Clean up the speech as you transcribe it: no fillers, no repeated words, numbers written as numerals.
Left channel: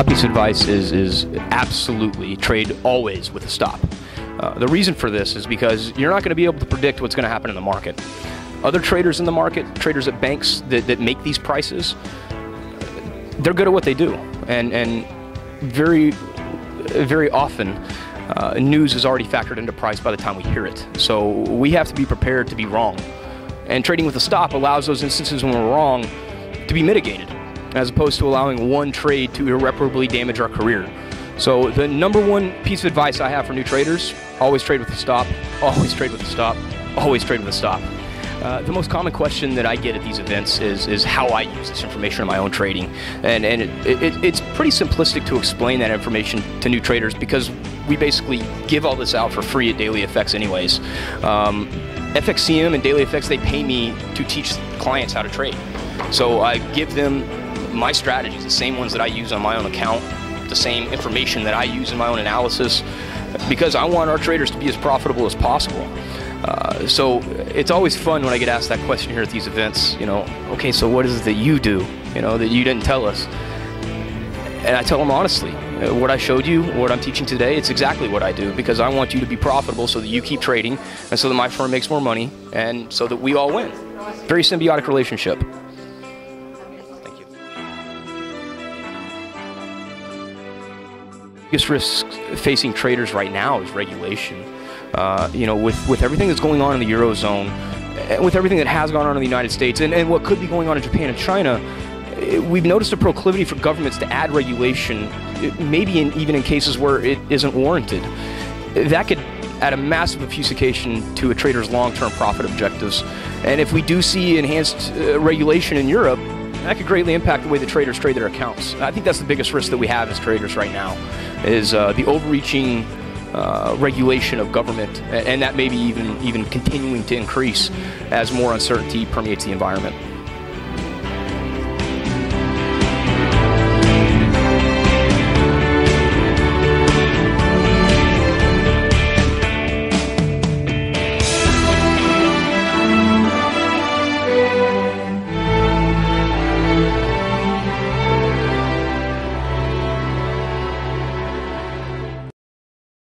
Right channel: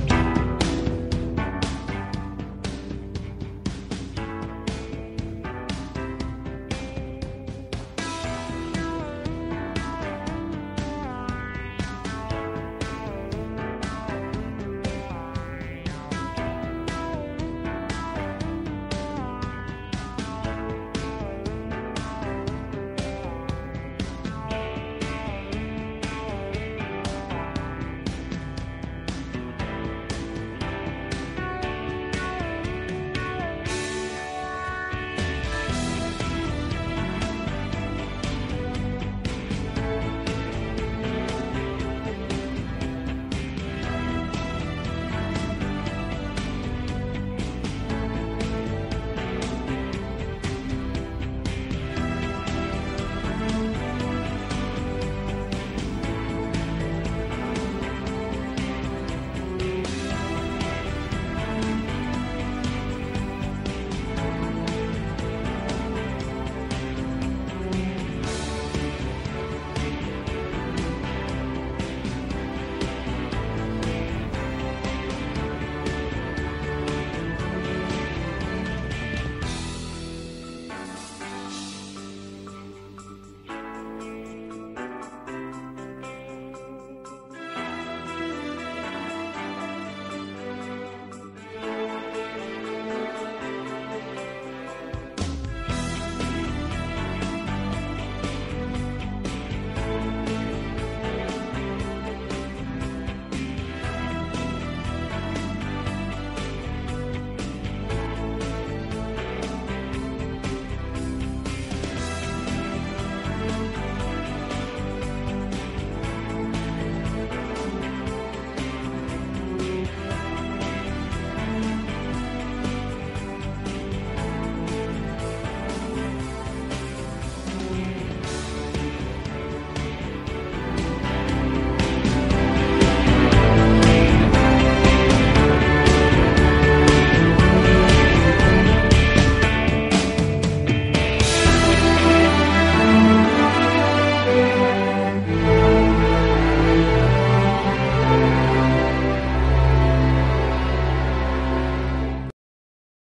top piece of advice is absolutely trade always with a stop. The reason for this is because you're not going to be able to predict what's going to happen in the market. Other traders in the market, traders at banks that make these prices, they're good at what they do, and very often news is already factored into price by the time we hear it. So we have to be prepared to be wrong. And trading with a stop allows those instances when we're wrong to be mitigated, as opposed to allowing one trade to irreparably damage our career. So the number one piece of advice I have for new traders: always trade with a stop, always trade with a stop, always trade with a stop. The most common question that I get at these events is how I use this information in my own trading. And it's pretty simplistic to explain that information to new traders, because we basically give all this out for free at Daily FX anyways. FXCM and Daily FX, they pay me to teach clients how to trade. So I give them my strategies, the same ones that I use on my own account, the same information that I use in my own analysis, because I want our traders to be as profitable as possible. So it's always fun when I get asked that question here at these events, okay, so what is it that you do, that you didn't tell us? And I tell them honestly, what I showed you, what I'm teaching today, it's exactly what I do, because I want you to be profitable so that you keep trading, and so that my firm makes more money, and so that we all win. Very symbiotic relationship. The biggest risk facing traders right now is regulation. With everything that's going on in the Eurozone, with everything that has gone on in the United States, and what could be going on in Japan and China, we've noticed a proclivity for governments to add regulation, maybe even in cases where it isn't warranted. That could add a massive obfuscation to a trader's long-term profit objectives. And if we do see enhanced regulation in Europe, that could greatly impact the way the traders trade their accounts. And I think that's the biggest risk that we have as traders right now, is the overreaching regulation of government, and that may be even continuing to increase as more uncertainty permeates the environment.